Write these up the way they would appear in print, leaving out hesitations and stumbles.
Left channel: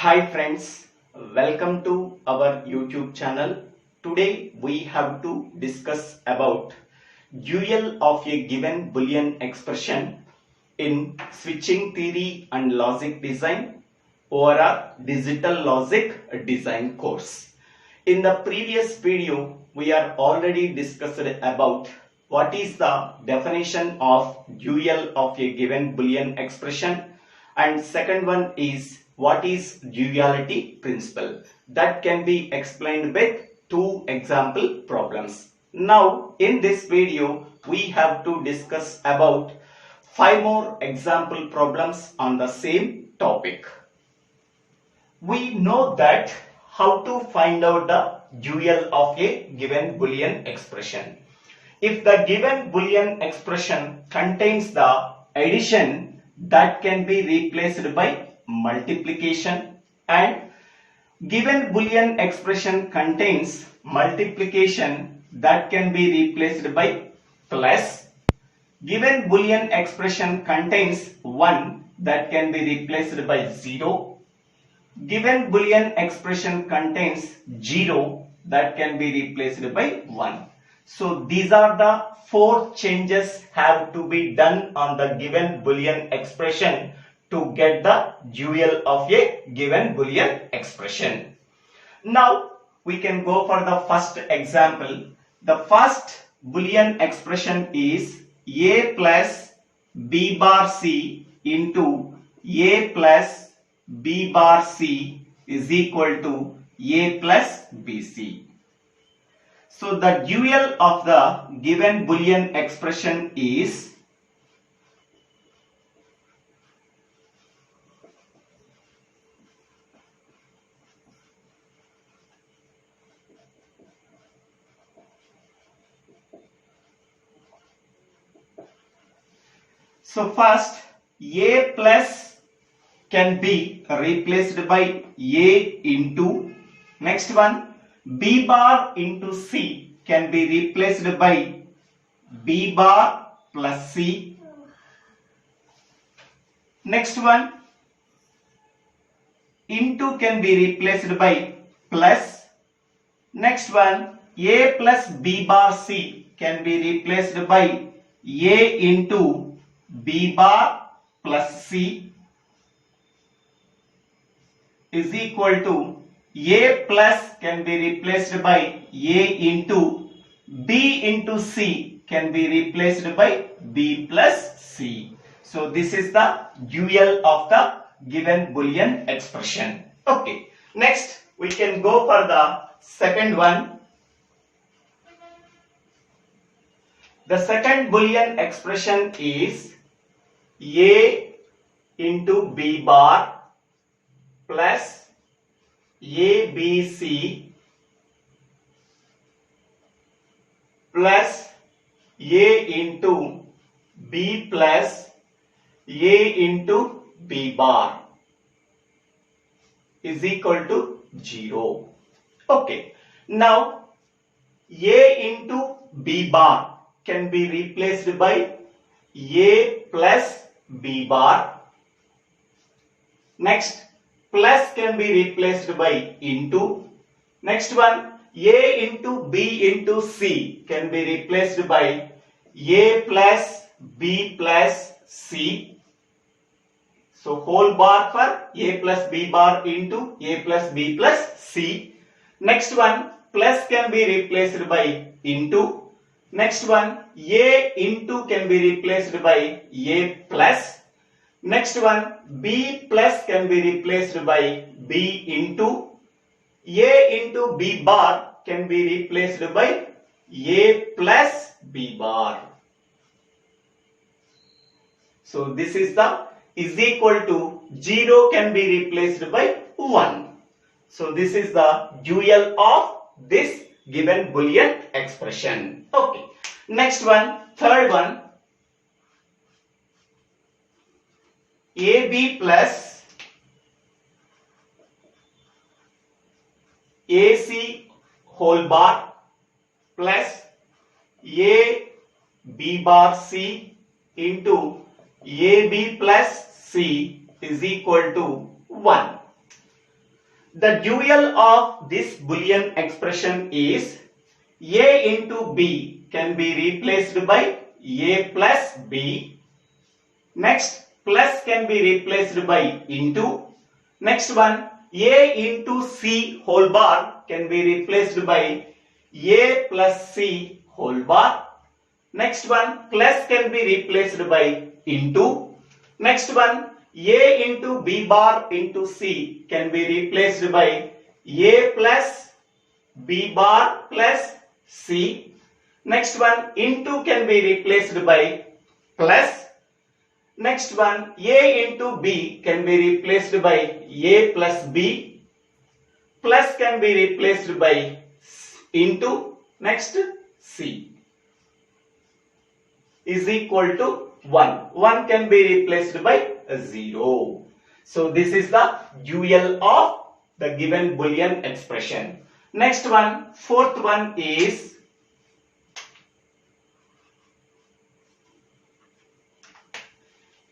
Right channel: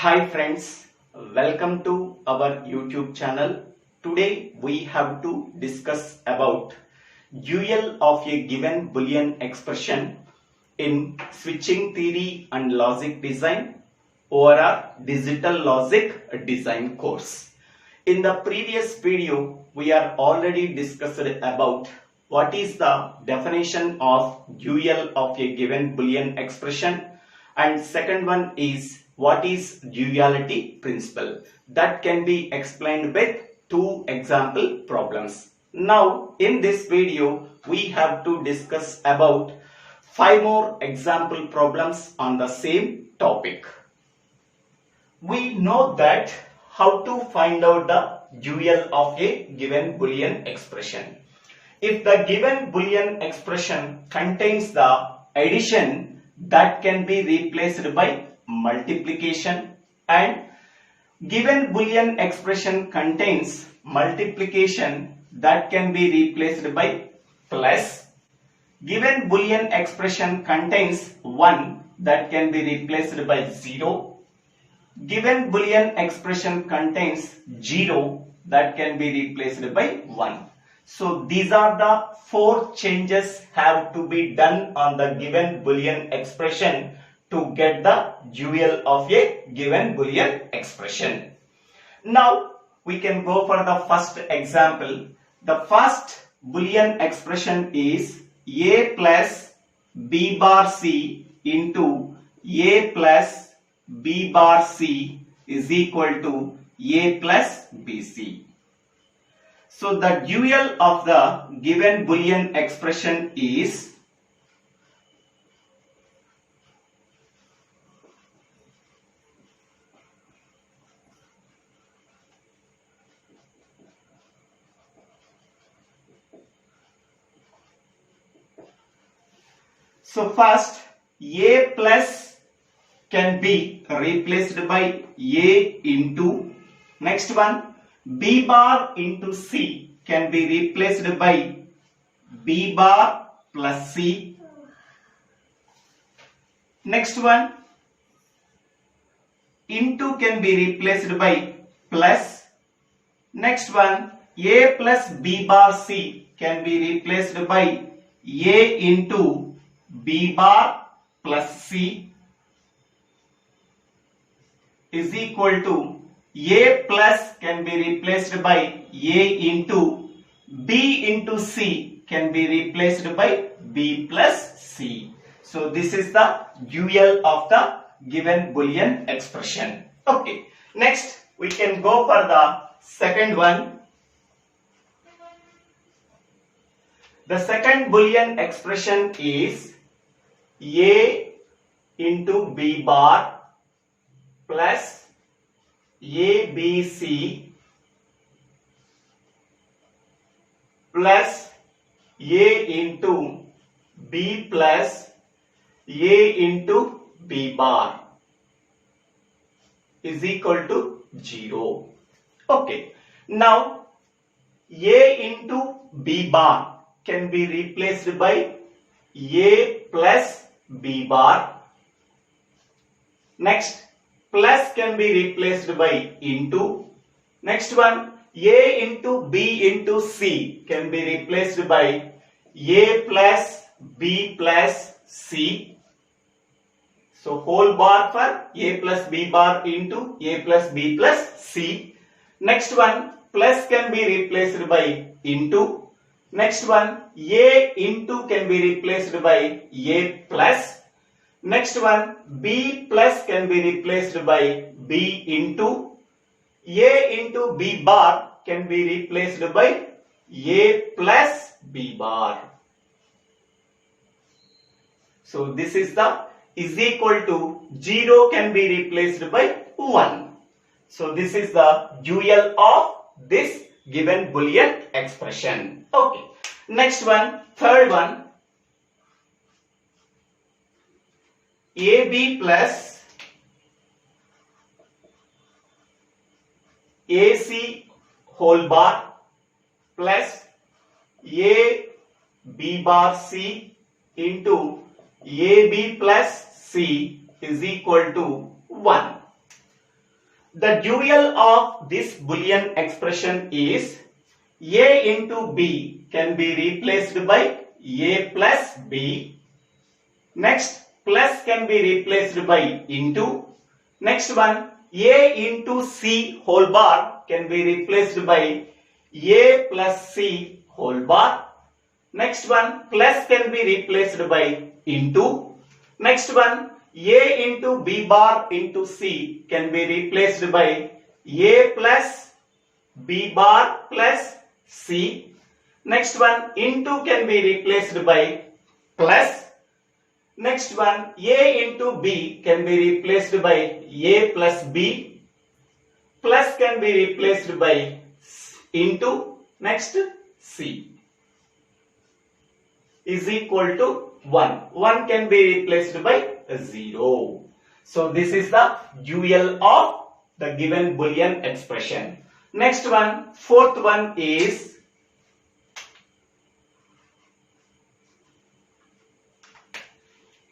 Hi friends, welcome to our YouTube channel. Today we have to discuss about dual of a given Boolean expression in switching theory and logic design over our digital logic design course. In the previous video, we are already discussed about what is the definition of dual of a given Boolean expression, and second one is what is duality principle. That can be explained with two example problems. Now in this video we have to discuss about 5 more example problems on the same topic. We know that how to find out the dual of a given Boolean expression. If the given Boolean expression contains the addition, that can be replaced by multiplication, and given Boolean expression contains multiplication, that can be replaced by plus. Given Boolean expression contains 1, that can be replaced by 0. Given Boolean expression contains 0, that can be replaced by 1. So these are the 4 changes have to be done on the given Boolean expression to get the dual of a given Boolean expression. Now we can go for the first example. The first Boolean expression is a plus b bar c into a plus b bar c is equal to a plus bc. So the dual of the given Boolean expression is first a plus can be replaced by a into, next one b bar into c can be replaced by b bar plus c, next one into can be replaced by plus, next one a plus b bar c can be replaced by a into b bar plus c is equal to a plus can be replaced by a into b into c can be replaced by b plus c. So this is the dual of the given Boolean expression. Okay, next we can go for the second one. The second Boolean expression is a into b bar plus abc plus a into b plus a into b bar is equal to 0. Okay, now a into b bar can be replaced by a plus b bar, next plus can be replaced by into, next one a into b into c can be replaced by a plus b plus c. So whole bar for a plus b bar into a plus b plus c. Next one plus can be replaced by into, next one a into can be replaced by a plus, next one b plus can be replaced by b into, a into b bar can be replaced by a plus b bar. So this is the is equal to 0 can be replaced by 1. So this is the dual of this given Boolean expression. Okay, next one, third one, ab plus ac whole bar plus a b bar c into ab plus c is equal to 1. the dual of this Boolean expression is a into b can be replaced by a plus b. Next, plus can be replaced by into. Next one, a into c whole bar can be replaced by a plus c whole bar. Next one, plus can be replaced by into. Next one, a into b bar into c can be replaced by a plus b bar plus c. Next one, into can be replaced by plus. Next one, a into b can be replaced by a plus b. Plus can be replaced by into. Next, c is equal to 1. 1 can be replaced by 0. So this is the dual of the given Boolean expression. Next one, fourth one is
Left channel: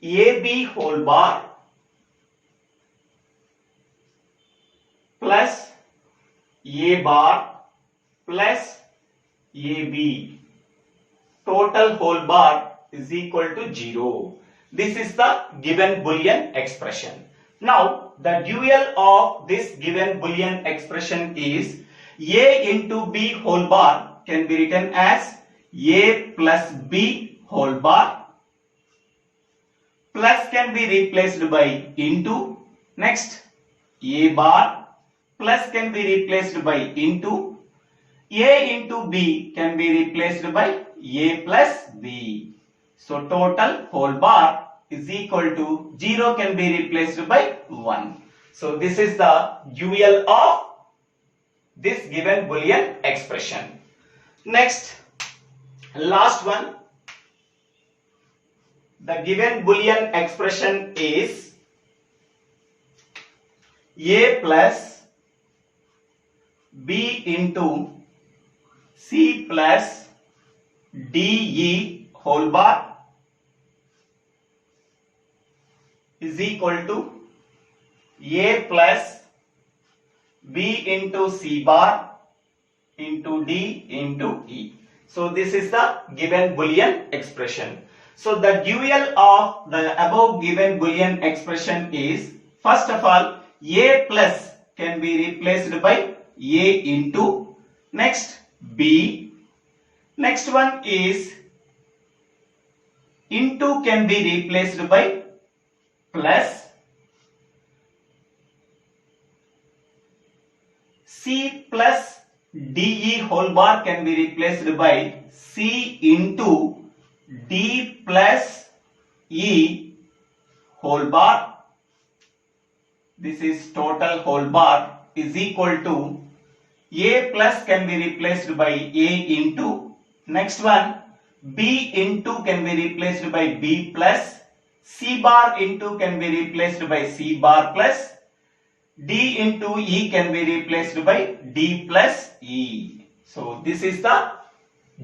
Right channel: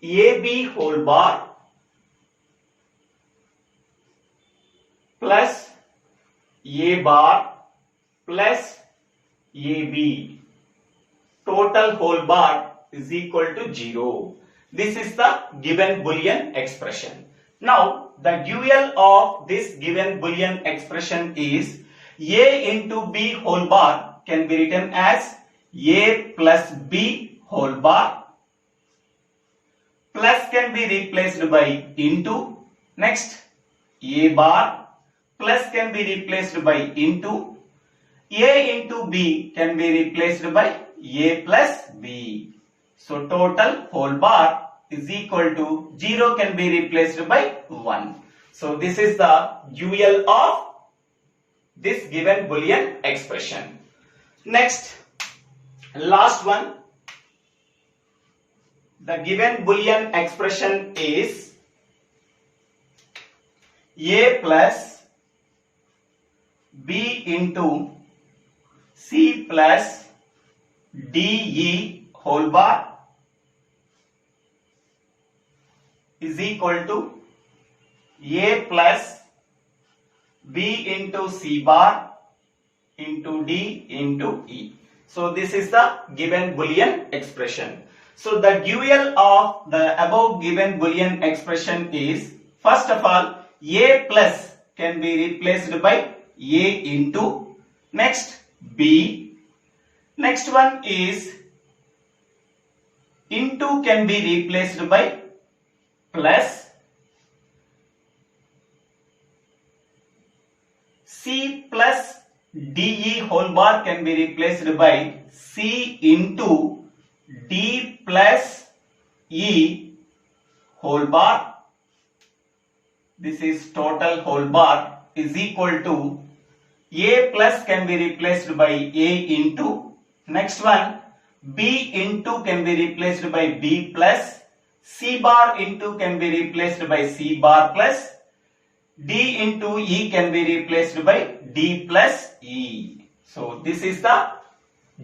ab whole bar plus a bar plus ab. Total whole bar is equal to 0. This is the given Boolean expression. Now, the dual of this given Boolean expression is a into b whole bar can be written as a plus b whole bar. Plus can be replaced by into. Next, a bar plus can be replaced by into. A into b can be replaced by a plus b. So total whole bar is equal to 0 can be replaced by 1. So this is the dual of this given Boolean expression. Next, last one. The given Boolean expression is a plus b into c plus de whole bar is equal to a plus b into c bar into d into e. So this is the given Boolean expression. So the dual of the above given Boolean expression is, first of all, a plus can be replaced by a into. Next, b. Next one is into can be replaced by plus. C plus de whole bar can be replaced by c into d plus e whole bar. This is total whole bar is equal to a plus can be replaced by a into. Next one, b into can be replaced by b plus. C bar into can be replaced by c bar plus. D into e can be replaced by d plus e. So this is the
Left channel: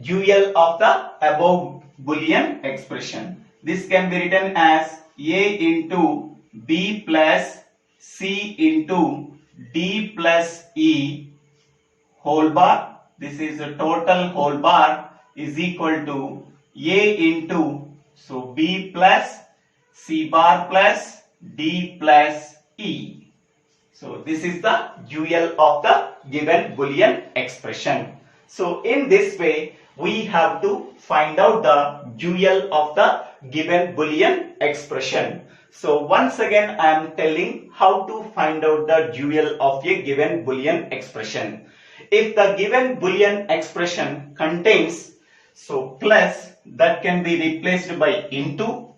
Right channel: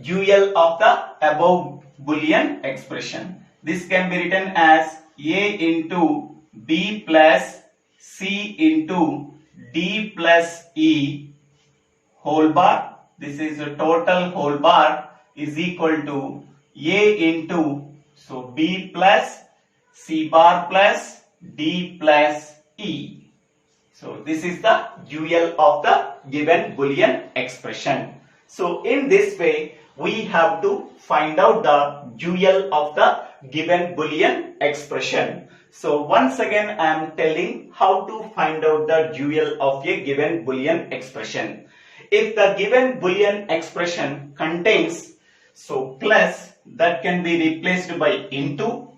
dual of the above Boolean expression. This can be written as a into b plus c into d plus e whole bar. This is a total whole bar is equal to a into, so b plus c bar plus d plus e. So this is the dual of the given Boolean expression. So in this way we have to find out the dual of the given Boolean expression. So once again I am telling how to find out the dual of a given Boolean expression. If the given Boolean expression contains so plus, that can be replaced by into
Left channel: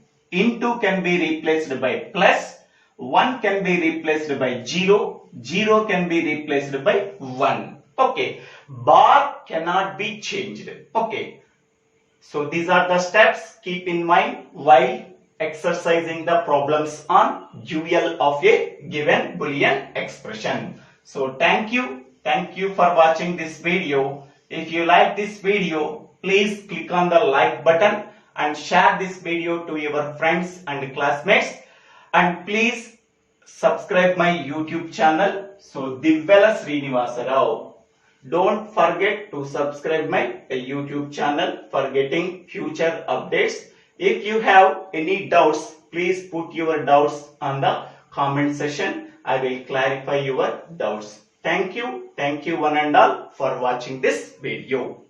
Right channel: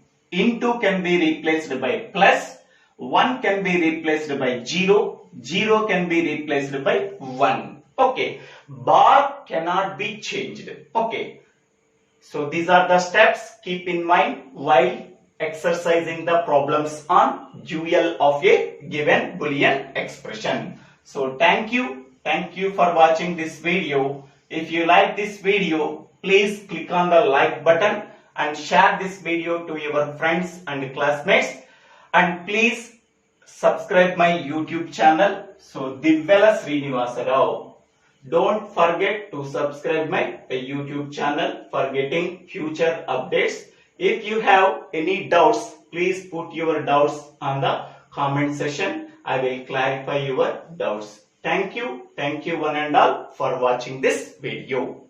can be replaced by plus, 1 can be replaced by 0 can be replaced by 1. Okay, bar cannot be changed. Okay, so these are the steps keep in mind while exercising the problems on dual of a given Boolean expression. So thank you for watching this video. If you like this video, please click on the like button and share this video to your friends and classmates, and please subscribe my YouTube channel. So Divvela Srinivasa Rao. Don't forget to subscribe my YouTube channel for getting future updates. If you have any doubts, please put your doubts on the comment section. I will clarify your doubts. Thank you one and all for watching this video.